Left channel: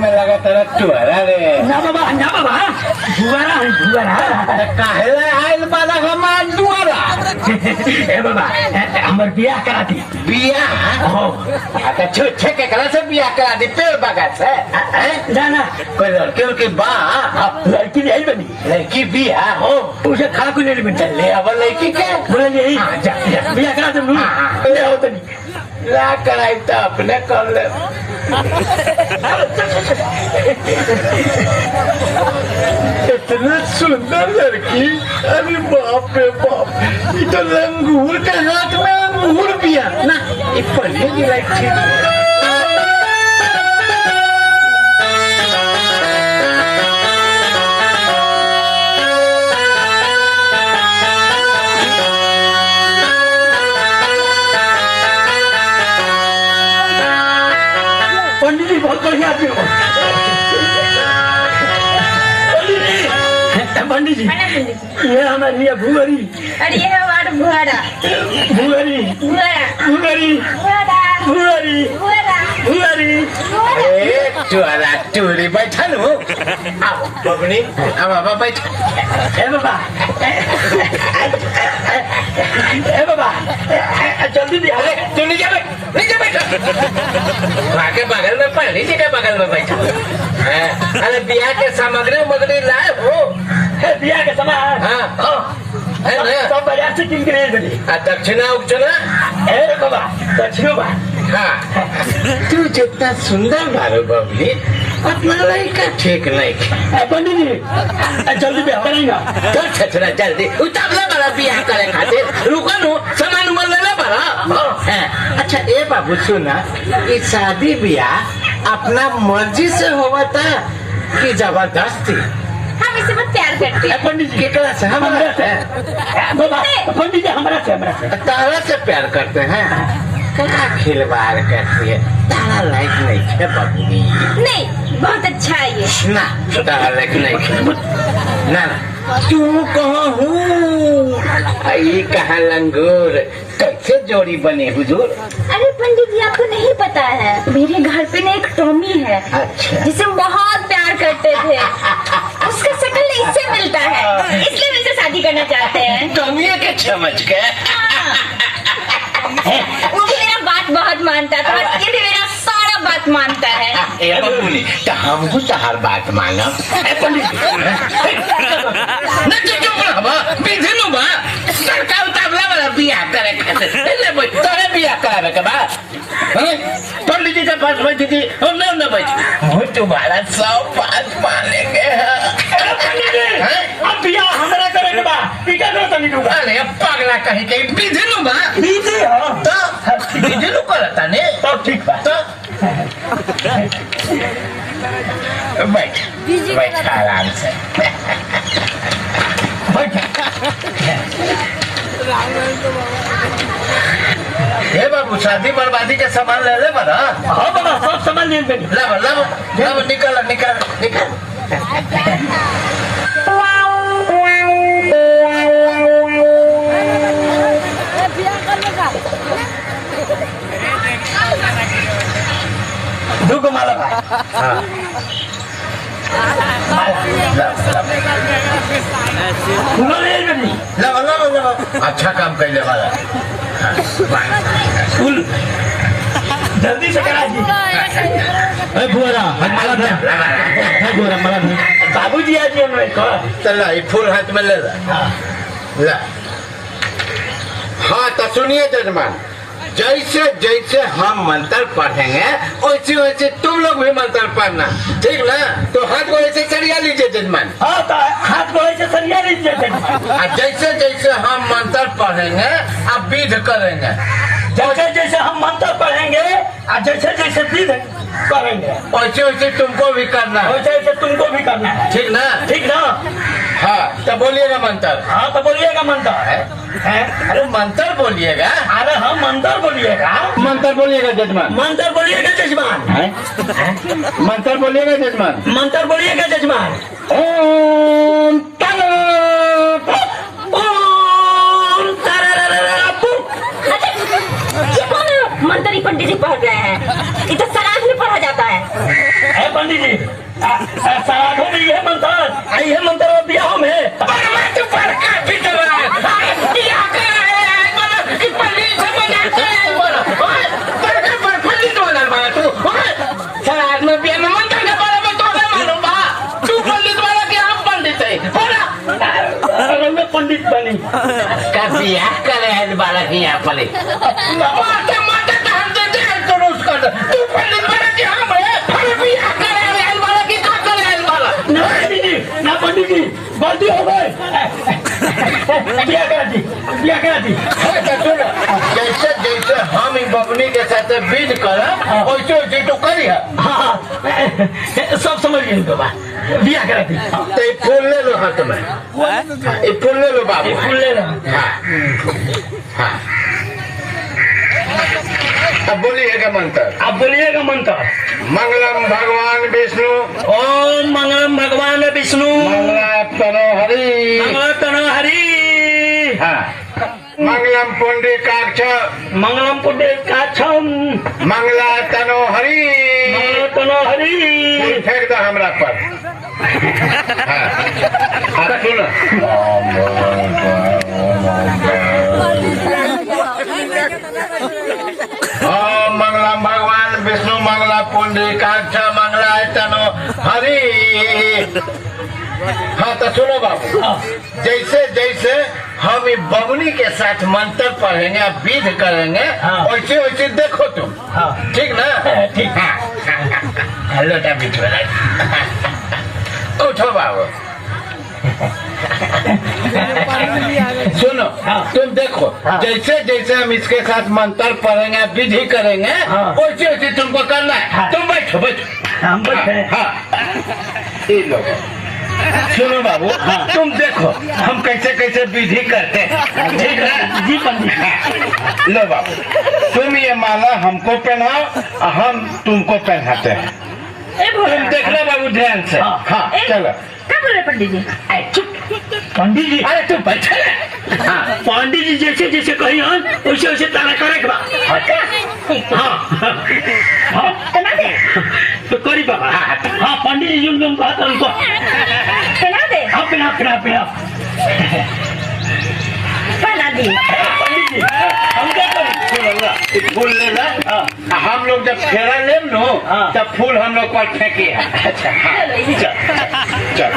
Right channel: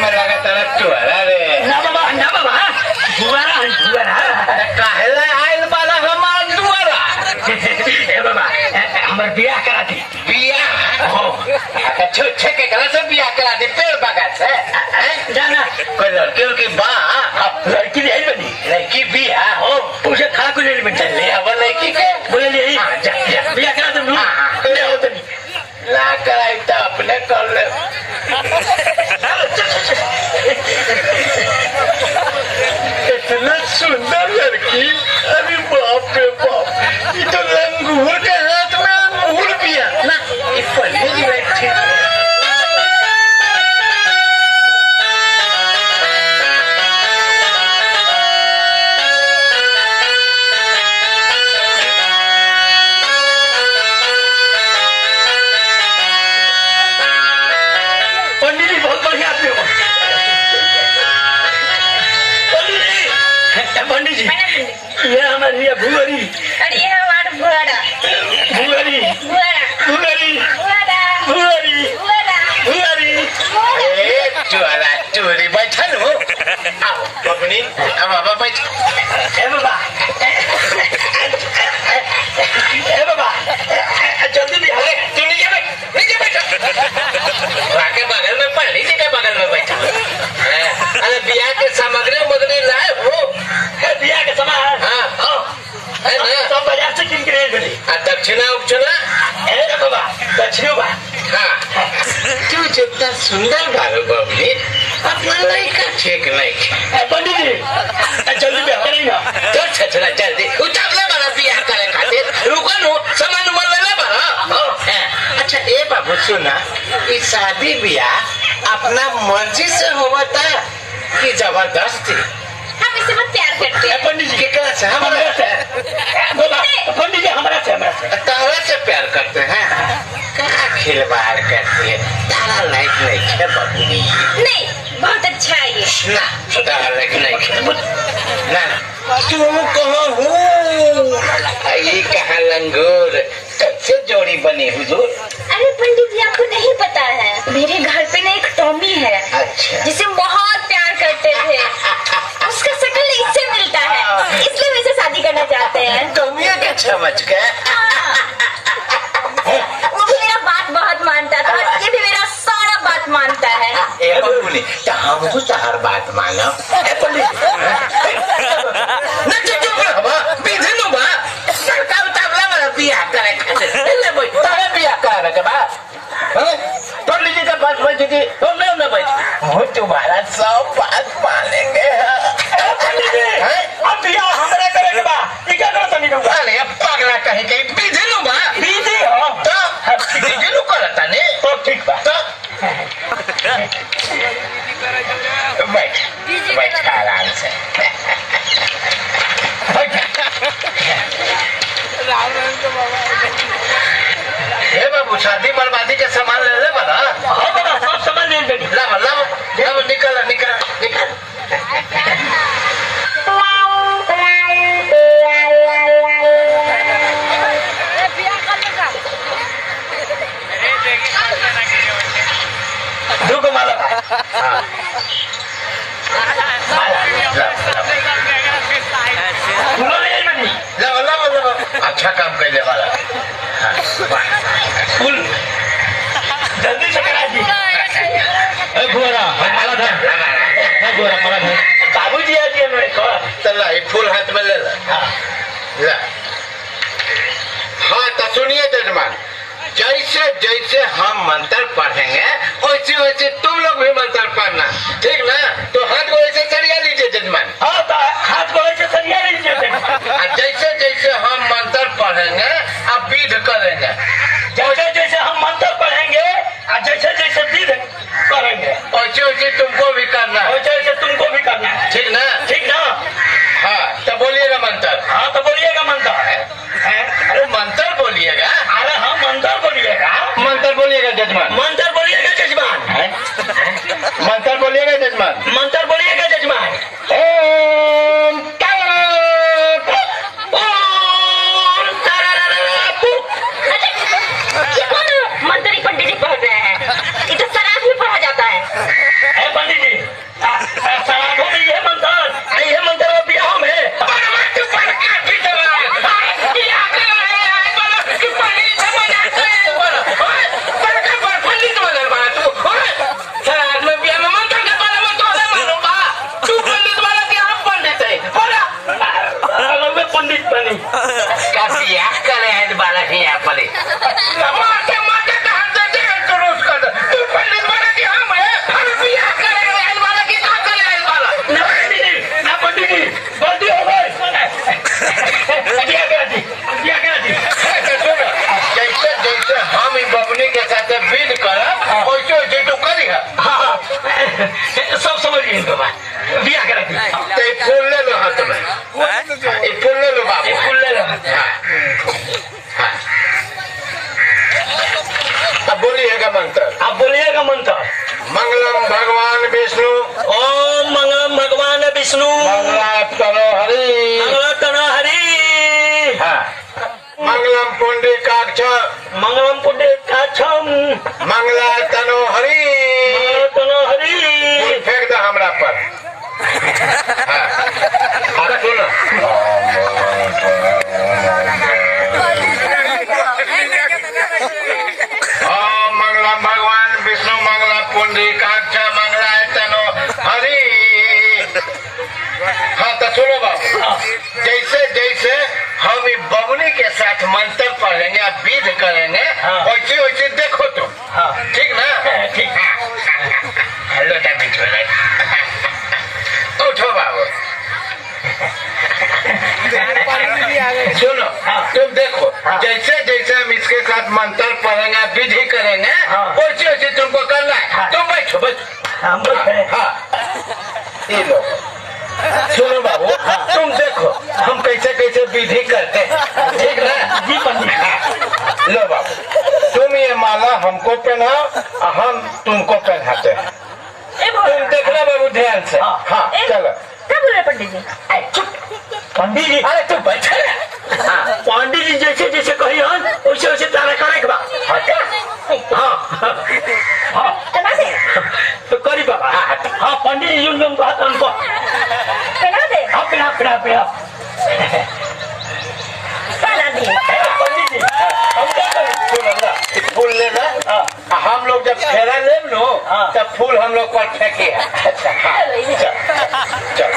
मैं लगा तरफ चुहरा रे ना बाबा जुगारा काहेला आइल बाला हमार दुआरा ए बाबा हमर बियाह करा दी बियाह हो तो छे के कला से बियाह करा दे पेड़ बागा से जाना कोई लड़की के बा लड़की ले बनी लड़की बियाह हो उसे खा को ले बेटा ले अब लड़की के बोले ले बियाह करा दे ले आओ तो ला कराई तो अपने कर ले इतना सुंदर लड़की अरे बाप रे बाप ये तो लंगूर के हाथ में अंगूर पिया ना ये पहले जी बैठी पंडित जी बहुत बढ़िया आदमी हो पंडित जी ये हमारी है भूगरी अरे ये हमारा बुआड़ा भूगरी भूगरी भूगरी भूगरी चुहरा चुहरी बैठा लो आओ बगनी अब बाबा बैठ ए बाबा जल्दी भी अरे तू नीचे बैठ के बगल में पहली जी के बगल में बैठा अरे बियाह के सामग्री मगनी लाए हो बियाह के समय हाँ है ना सब बाजार से किन के ले बनी दक्षिणा उपचना ए बाबा दक्षिण बा हाँ तू जितना सुंदर बारो बबली अपना लड़का ठीक नहीं पंडित जी जल्दी बियाह करेंगे तो छचरा जल्दी उतावला बड़ा बियाह करे खातिर रुको नो सामान मन लेना बड़ा अच्छा ए बाबू सुना ये शादी बियाह अपना मर्जी से होता कि जबरदस्ती हम इसे बहुत प्यार करते हैं पंडित जी केकरा से हमारा से बाबा पंडित जी हमारा से तारा से प्यार करते हैं क्या खिलवाड़ करती है तारा लाइक नहीं है बाबूनी नहीं बहुत अच्छा है ये ना तारा लाइक नहीं है ना तू कहाँ हो ये कहाँ लंगूर कैसे जोड़ी बनी हुजूर अरे पंडित जी आपको नहीं पता है मेरे घर पे ना एक टॉमी है अच्छा जिसे बहुत प्यार करते थे उसका शक्ल इससे मिलता है इसलिए वैसे शादी करना चाहते हैं टॉमी के समझ के वो भी मेरा बात बहुत मानता था ये भी मेरा सारा बात मानता है ए बबूनी तो हम हो हर बात मानो सरकार उतावला वाला बियाह करे खातिर तोरे बियाह करावे के बा पंडित जी के पास बैठी थी हम ना बैठ वो तुम्हारा 100 बात मानेंगे अब बियाह हमारा करेंगे बा ठीक है ना तनी दूंगा अरे पागला कहीं कहीं बीजे नु बा बीजे हो तो बीजे नु करता ने तो ठीक बा तो बैठ बैठ आराम से हे बाबू शादी बर्बादी के सामान ले ले बना हाँ बाबा सब सामान ले लेंगे लाओ निकल दुगो माला बा फूलो ले बनी लाओ अच्छा काम कर ले वाला फूल जल्दी से करा दी बुरा माला धर बुरा माला धर बाबूजी आ गए मेरे को चला ये फूल हाथ में ले ला हाँ तो सुनिए जजमान जैसे जैसे हम मंत्र पढ़ेंगे वैसे वैसे तुम लोग भी मंत्र पढ़ना ठीक ना तो हाथ को ऐसे सरिया लीजिए जजमान हाँ तो हाथ को ऐसे सरिया लीजिए जैसे जैसे हम मंत्र पढ़ेंगे आप विध करेंगे जैसे जैसे हम मंत्र पढ़ेंगे और जैसे जैसे विध करेंगे वैसे वैसे तुमको भी करना है वैसे वैसे तुमको भी करना है ठीक ना हाँ तो बोलिएगा मंत्र हाँ तो बोलिएगा मंत्र अरे मंत्र बोलिएगा अरे हाँ मंत्र बोलिएगा मंत्र बोलिएगा जजमान मंत्र बोलिएगा जजमान मंत्र बोलिएगा जजमान मंत्र बोलिएगा जजमान ओम मंत्र ही पंडित जी पढ़ रहे हैं ये तो सराज में पढ़ा जाता है पंडित जी श्राद्धों में ये मंत्र ब्याह में पंडित बनी बिया करे बाला ही यहाँ पर पंडित जी गलती हो गई जैसे जैसे हम बबनी के साथ बिल करब वैसे वैसे तो करी है। सब समझ गए बाबा बिया करा दी तो ये फूल ले लो हाथ में, ये फूल ले लो बाबू, फूल ले लो। हाँ। अब बोलिएगा मंत्र, मंगलम भगवान विष्णु, ओम मंगलम भगवान विष्णु, मंगलातनो हरि, हाँ। मंगलम पुंडरीकाक्ष, मंगलातनो हरि, फेंक दो हमरा पर। हाँ। अब सुनो, ओम मंगलम भगवान विष्णु, मंगला पुंडरीकाक्ष, मंगलातनो हरि। हाँ तो सुनो बाबू, जैसे जैसे हम बबनी के साथ मंत्र पढ़ेंगे, विध करेंगे, वैसे वैसे देखो तुम, ठीक ना? ठीक। हेलो उठो बाबू, सुनो, तुम देखो, जैसे जैसे हम इसके साथ मंत्र पढ़ेंगे, विधि करेंगे, वैसे वैसे तुमको करना है। तुम बैठो हम बैठे। हाँ, ये लो सुनो बाबू, तुम देखो हम कैसे कैसे विधि करते हैं, ठीक ना? जी पंडित। लो बाबू, तुम ये माला हमको पहनाओ, हम तुमको पहनाते हैं। तुम देखना बाबू ध्यान से। हाँ चलो। क्या बोल रहे पंडित जी? पंडित जी अरे तुम बैठे। हाँ पंडित जी जैसे जैसे कही हन वैसे वैसे तारा करे के बा। हाँ तो करी बाबा। हाँ पंडित जी जो बात हमको पहना दे। हाँ पहना पहना दिए। पंडित जी हम क्या करें? फूल लेना, हम लोग जब फेरा ले लो तब फूल हम लोग पर फेंके। अच्छा हाँ चल।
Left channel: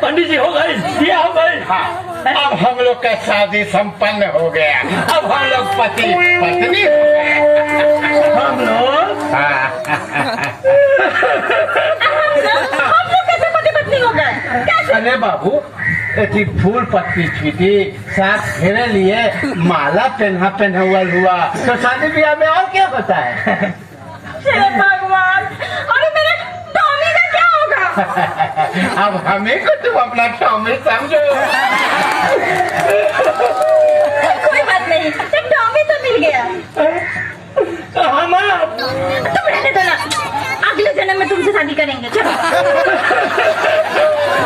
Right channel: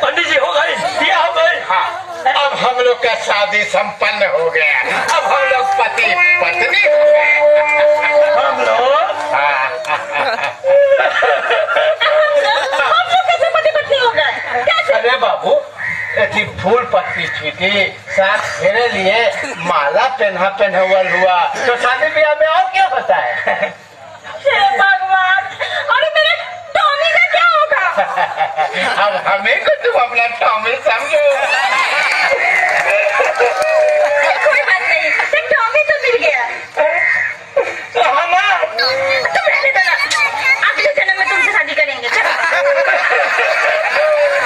पंडित जी हो गई, दिया हो गई। अब हम लोग का शादी संपन्न हो गया, अब हम लोग पति पत्नी हो गए। हम लोग कैसे पति पत्नी हो गए? अरे बाबू, ऐसी फूल पत्ती छीटी, साथ फेरे लिए, माला पहना हुआ, तो शादी ब्याह में और क्या होता है? भगवान, अरे मेरे टॉमी का क्या होगा? अब हमें को तुम अपना टॉमी समझो। कोई बात नहीं, टॉमी तो मिल गया। तुम रहने दो ना, अगले जन्म में तुमसे शादी करेंगे। चलो।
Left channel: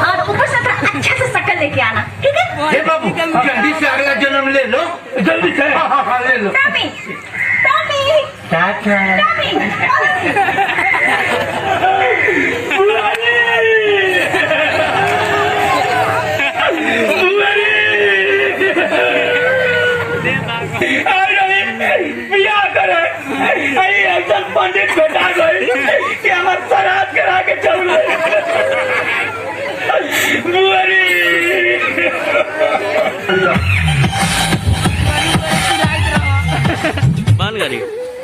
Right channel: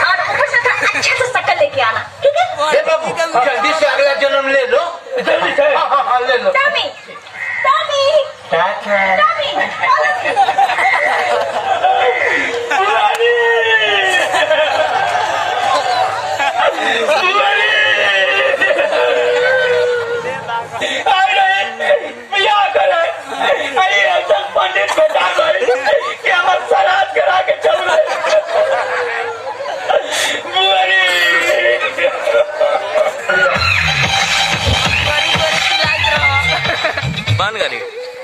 और ऊपर से अच्छा से शक्ल लेके आना, ठीक है? हे बाबू, जल्दी से अगला जन्म ले लो, जल्दी से। हाँ ले लो। टॉमी, क्या टॉमी। पंडित बेटा गई कि हमारे श्राद्ध करा के चल गए। बंद करी।